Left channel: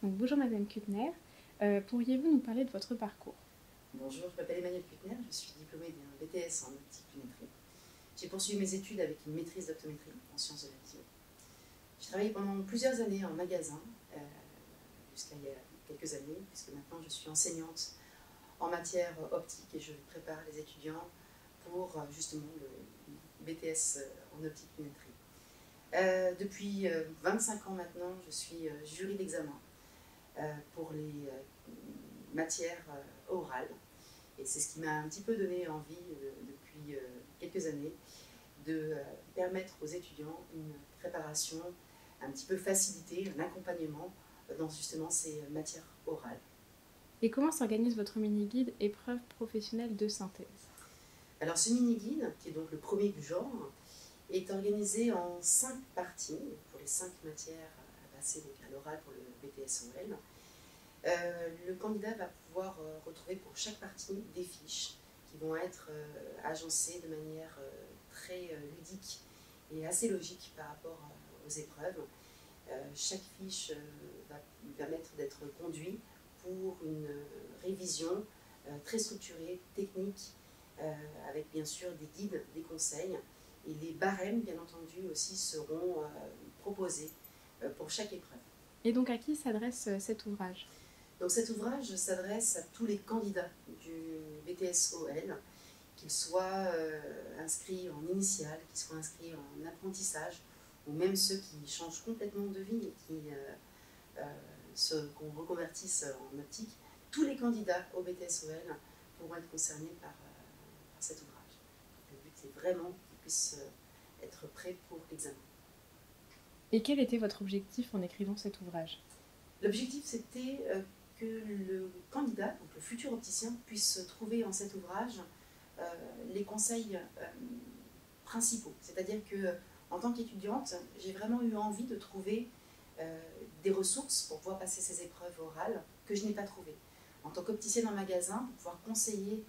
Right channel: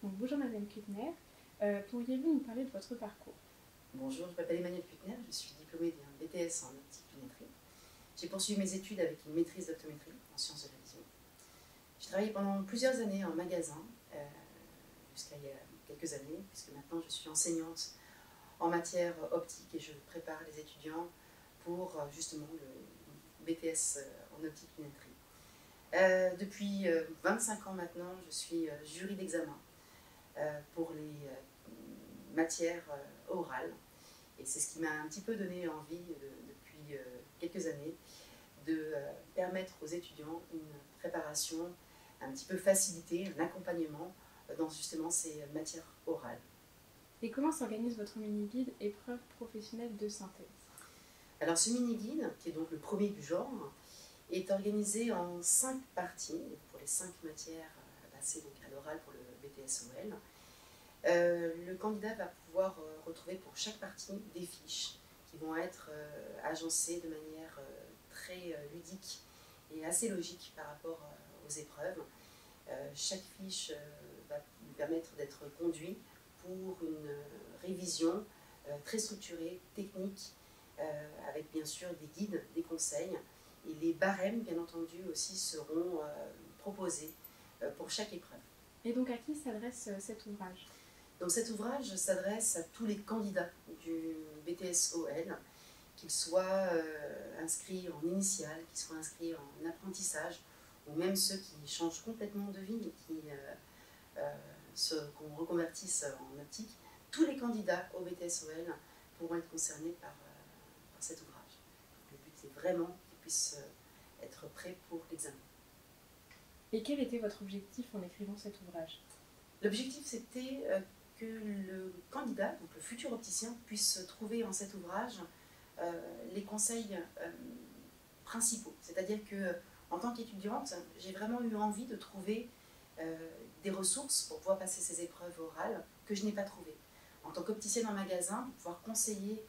Donc, bonjour Madame Kuttner, pourriez-vous nous parler de votre parcours? Bonjour, je m'appelle Emmanuelle Kuttner, je suis diplômée d'un BTS en optique lunetterie. J'ai poursuivi mes études avec une maîtrise d'optométrie en sciences de la vision. J'ai travaillé pendant plusieurs années en magasin, jusqu'à il y a quelques années, puisque maintenant je suis enseignante en matière optique et je prépare les étudiants pour justement le BTS en optique lunetterie. Depuis 25 ans maintenant, je suis jury d'examen pour les matières orales. Et c'est ce qui m'a un petit peu donné envie depuis quelques années de permettre aux étudiants une préparation un petit peu facilitée, un accompagnement dans justement ces matières orales. Et comment s'organise votre mini-guide épreuve professionnelle de synthèse? Alors ce mini-guide, qui est donc le premier du genre, est organisé en 5 parties pour les 5 matières à passer donc à l'oral pour le BTS-OL. Le candidat va pouvoir retrouver pour chaque partie des fiches qui vont être agencées de manière très ludique et assez logique par rapport aux épreuves. Chaque fiche va lui permettre d'être conduit pour une révision très structurée, technique, avec bien sûr des guides, des conseils. Et les barèmes, bien entendu, aussi seront proposés pour chaque épreuve. Et donc à qui s'adresse cet ouvrage? Donc cet ouvrage s'adresse à tous les candidats du BTS-OL, qu'ils soient inscrits en initiale, qu'ils soient inscrits en apprentissage, ou même ceux qui changent complètement de vie et qu'on reconvertisse en optique. Tous les candidats au BTS-OL pourront être concernés par cet ouvrage. Donc, le but c'est vraiment qu'ils puissent être prêts pour l'examen. Et quel était votre objectif en écrivant cet ouvrage? L'objectif c'était que le candidat, donc le futur opticien, puisse trouver en cet ouvrage les conseils principaux. C'est-à-dire que en tant qu'étudiante, j'ai vraiment eu envie de trouver des ressources pour pouvoir passer ces épreuves orales que je n'ai pas trouvées. En tant qu'opticienne en magasin, pour pouvoir conseiller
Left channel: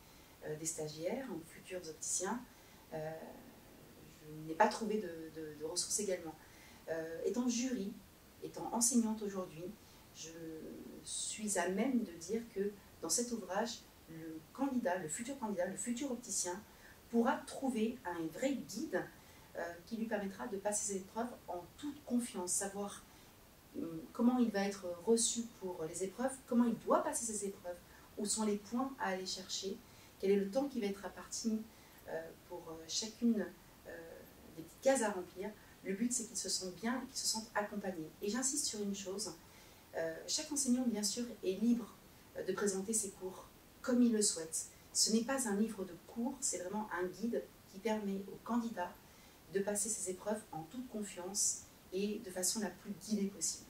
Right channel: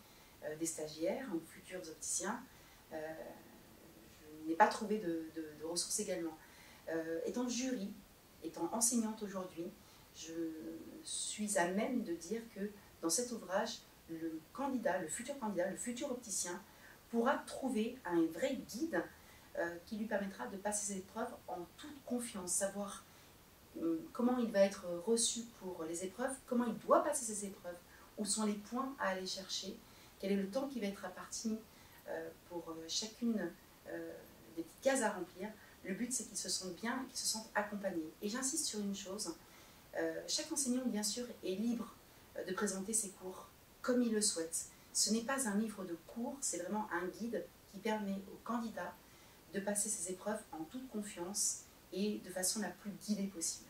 des stagiaires ou futurs opticiens, je n'ai pas trouvé de ressources également. Étant jury, étant enseignante aujourd'hui, je suis à même de dire que dans cet ouvrage, le candidat, le futur opticien, pourra trouver un vrai guide qui lui permettra de passer ses épreuves en toute confiance, savoir comment il va être reçu pour les épreuves, comment il doit passer ses épreuves, où sont les points à aller chercher, quel est le temps qui va être imparti pour chacune des petites cases à remplir. Le but, c'est qu'ils se sentent bien et qu'ils se sentent accompagnés. Et j'insiste sur une chose, chaque enseignant, bien sûr, est libre de présenter ses cours comme il le souhaite. Ce n'est pas un livre de cours, c'est vraiment un guide qui permet aux candidats de passer ces épreuves en toute confiance et de façon la plus guidée possible.